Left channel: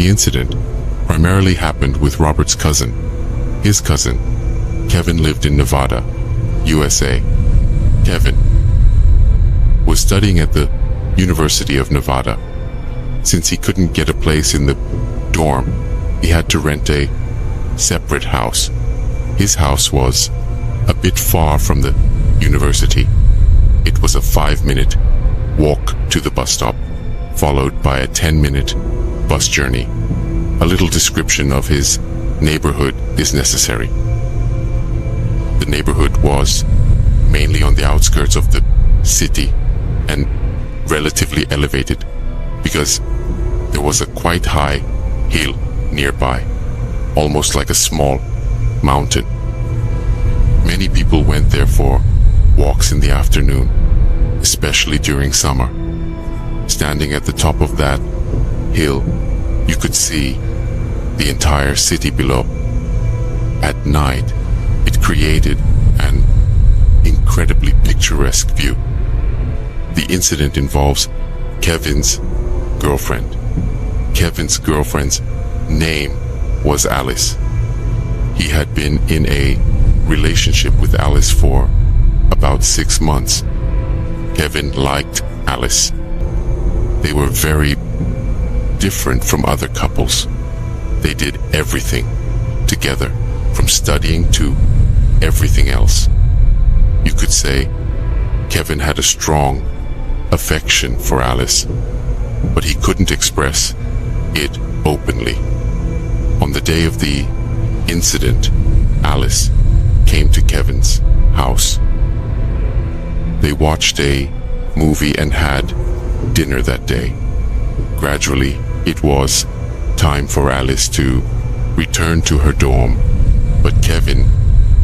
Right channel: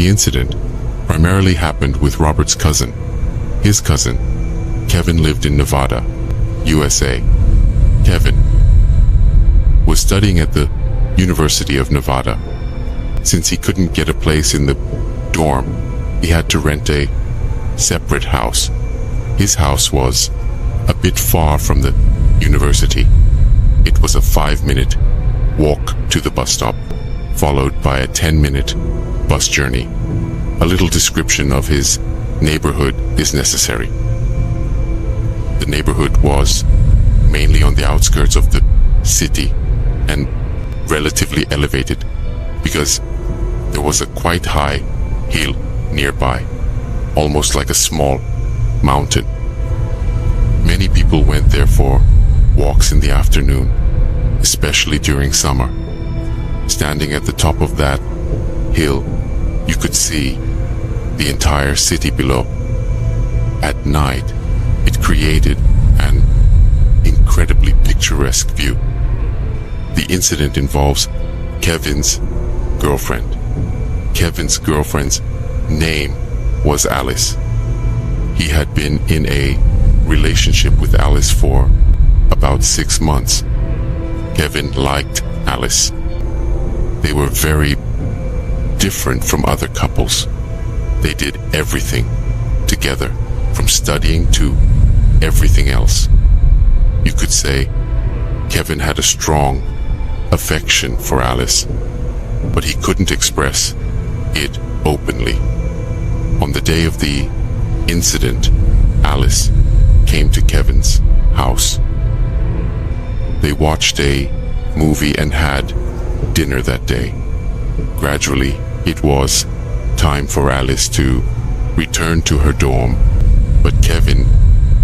The incident primarily happened with Robert's cousin. His cousin, Kevin, lived in Nevada, USA. Kevin was studying at the University of Nevada. Since he couldn't get a place in the dorm, he had to rent a separate house. His house was a bit far from the university. It was a 5-minute walk to the bus stop, followed by a 10-minute bus journey. A little description of his neighborhood is necessary. The neighborhood was mainly on the outskirts of the city and relatively elevated because there was a quite high hill nearby, almost like a small mountain. Many people went there for walks in the afternoon, especially during summer. Standing at the top of that hill, you could see the entire city below. At night, it created an incredibly picturesque view. The incident involves Kevin's girlfriend. Kevin's girlfriend's name was Alice. He had been in a relationship with Alice for about 6 months. Kevin liked Alice. They were very different from other couples. They did everything together, from studying to everything else. You could say Kevin had a strong affection for Alice, but he couldn't express it openly. On the day of the incident, Alice came to Kevin's house. They watched a movie and had dinner that day. Gradually, it was time for Alice to return to her dorm, but Kevin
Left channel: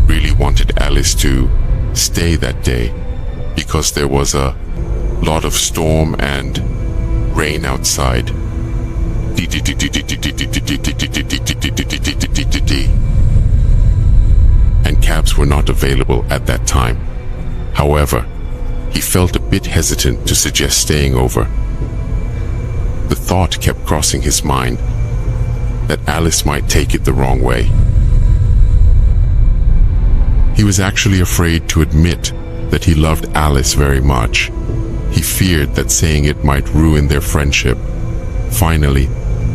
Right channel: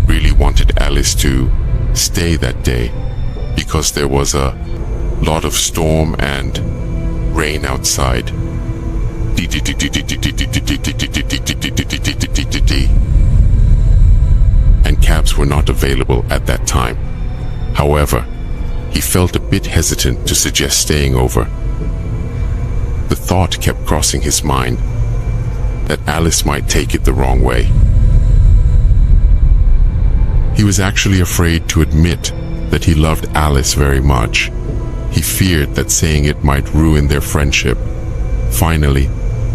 really wanted Alice to stay that day because there was a lot of storm and rain outside. And cabs were not available at that time. However, he felt a bit hesitant to suggest staying over. The thought kept crossing his mind that Alice might take it the wrong way. He was actually afraid to admit that he loved Alice very much. He feared that saying it might ruin their friendship. Finally,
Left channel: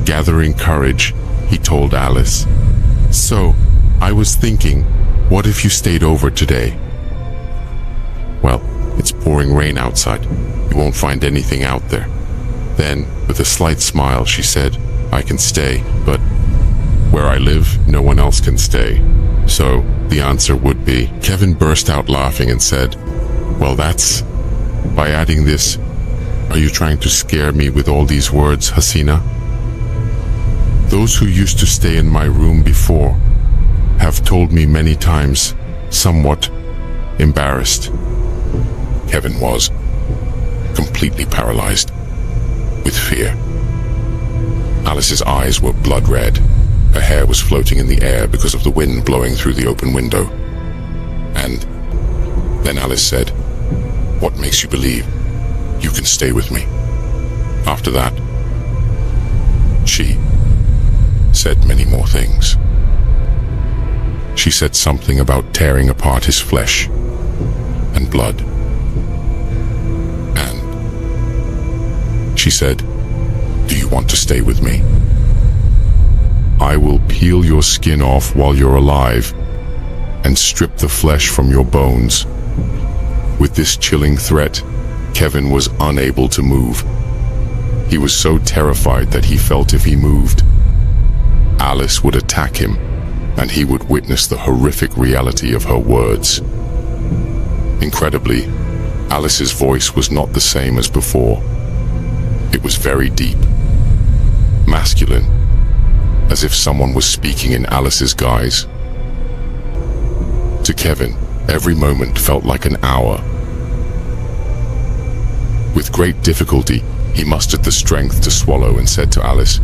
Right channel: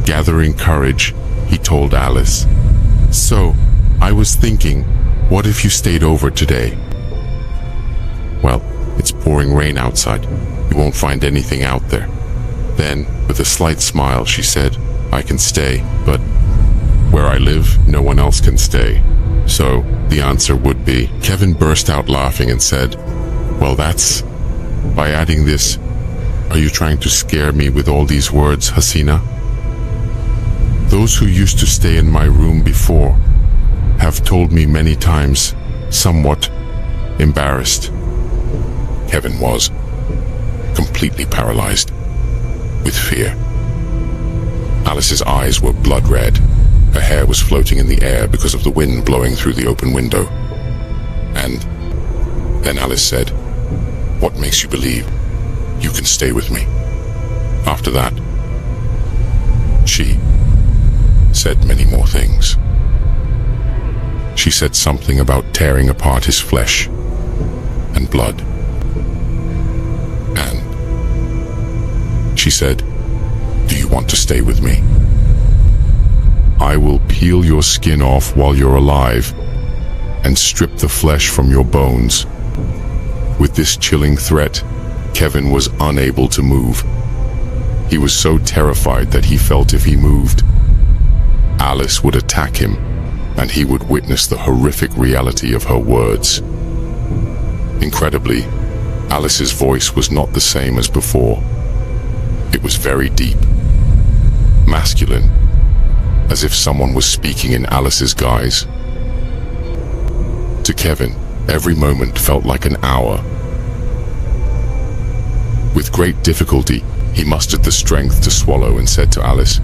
gathering courage, he told Alice, "So, I was thinking, what if you stayed over today?" "Well, it's pouring rain outside. You won't find anything out there." Then, with a slight smile, she said, "I can stay, but where I live, no one else can stay. So, the answer would be..." Kevin burst out laughing and said, "Well, that's... By adding this, are you trying to scare me with all these words, Hasina? Those who used to stay in my room before have told me many times, somewhat embarrassed." Kevin was completely paralyzed with fear. Alice's eyes were blood red. Her hair was floating in the air because of the wind blowing through the open window. And then Alice said, "What makes you believe you can stay with me?" After that, she said many more things. She said something about tearing apart his flesh and blood. And she said, "Do you want to stay with me? I will peel your skin off while you're alive and strip the flesh from your bones." With this chilling threat, Kevin was unable to move. He was so terrified that he felt if he moved, Alice would attack him, and he would witness the horrific reality of her words. Incredibly, Alice's voice was not the same as before. It was very deep, masculine, as if someone was speaking in Alice's guise. To Kevin, every moment felt like an hour. With great difficulty, he mustered the strength to swallow and said to Alice,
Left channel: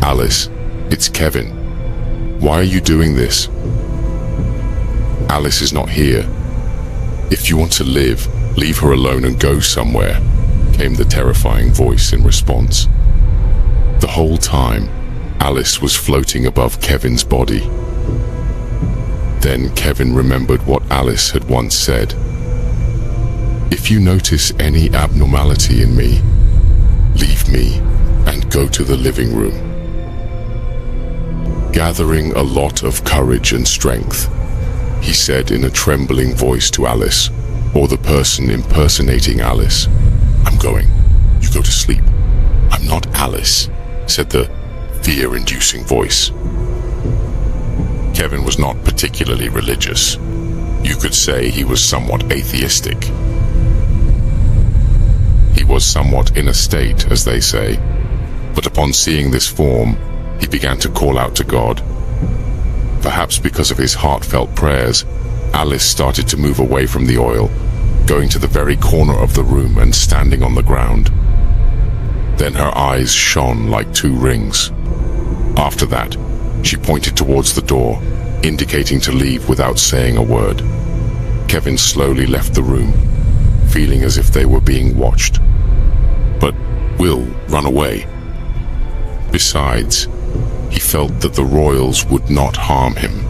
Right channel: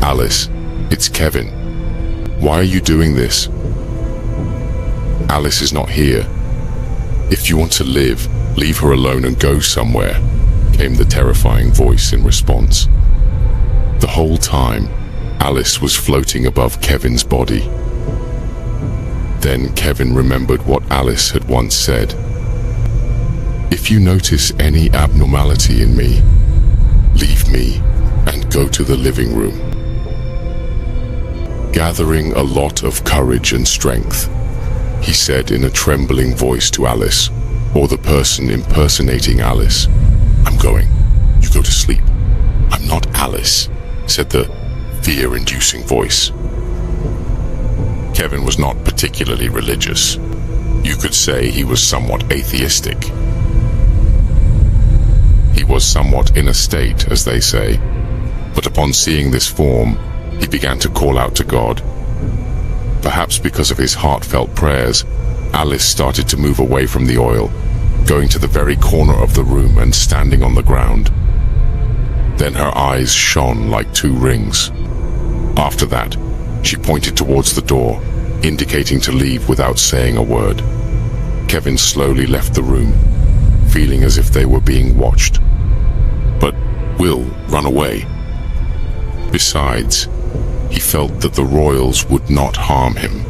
"Alice, it's Kevin. Why are you doing this? Alice is not here. If you want to live, leave her alone and go somewhere," came the terrifying voice in response. whole time, Alice was floating above Kevin's body. Then Kevin remembered what Alice had once said. "If you notice any abnormality in me, leave me and go to the living room." Gathering a lot of courage and strength, he said in a trembling voice to Alice, or the person impersonating Alice, "I'm going. You go to sleep." "I'm not Alice," said the fear-inducing voice. Kevin was not particularly religious. You could say he was somewhat atheistic. He was somewhat in a state, as they say, but upon seeing this form, he began to call out to God. Perhaps because of his heartfelt prayers, Alice started to move away from the oil, going to the very corner of the room and standing on the ground. Then her eyes shone like two rings. After that, she pointed towards the door, indicating to leave without saying a word. Kevin slowly left the room, feeling as if they were being watched. But Will run away. Besides, he felt that the royals would not harm him.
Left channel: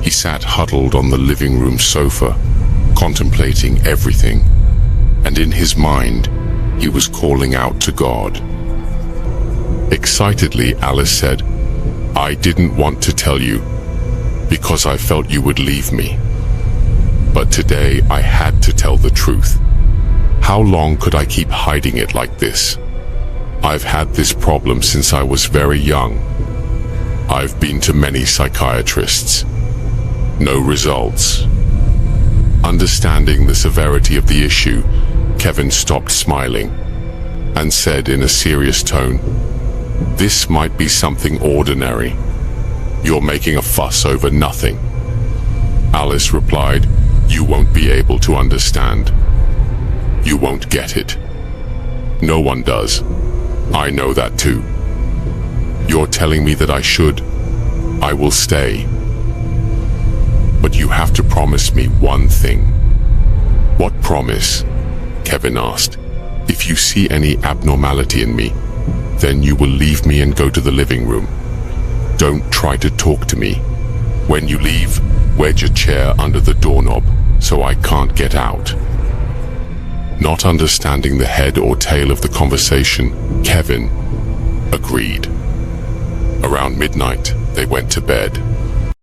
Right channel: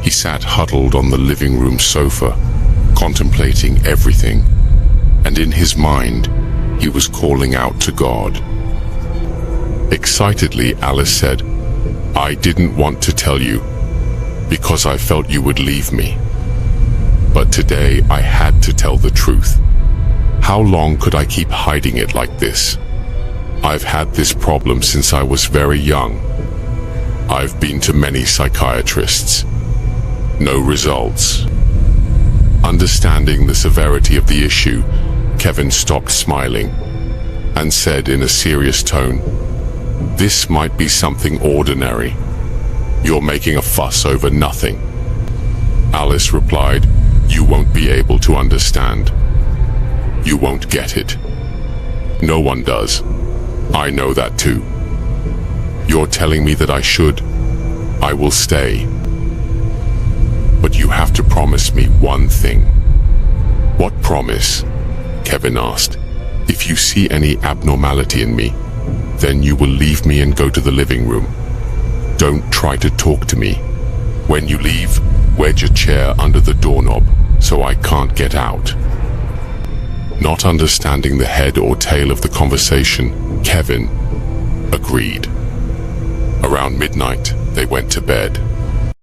He sat huddled on the living room sofa, contemplating everything, and in his mind, he was calling out to God. Excitedly, Alice said, "I didn't want to tell you, because I felt you would leave me. But today I had to tell the truth. How long could I keep hiding it like this? I've had this problem since I was very young. I've been to many psychiatrists. No results." Understanding the severity of the issue, Kevin stopped smiling and said in a serious tone, "This might be something ordinary. You're making a fuss over nothing." Alice replied, "You won't be able to understand. You won't get it. No one does. I know that too. You're telling me that I should. I will stay. But you have to promise me one thing." "What promise?" Kevin asked. "If you see any abnormality in me, then you will leave me and go to the living room. Don't try to talk to me. When you leave, wedge a chair under the doorknob so I can't get out." Not understanding the head or tail of the conversation, Kevin agreed. Around midnight, they went to bed.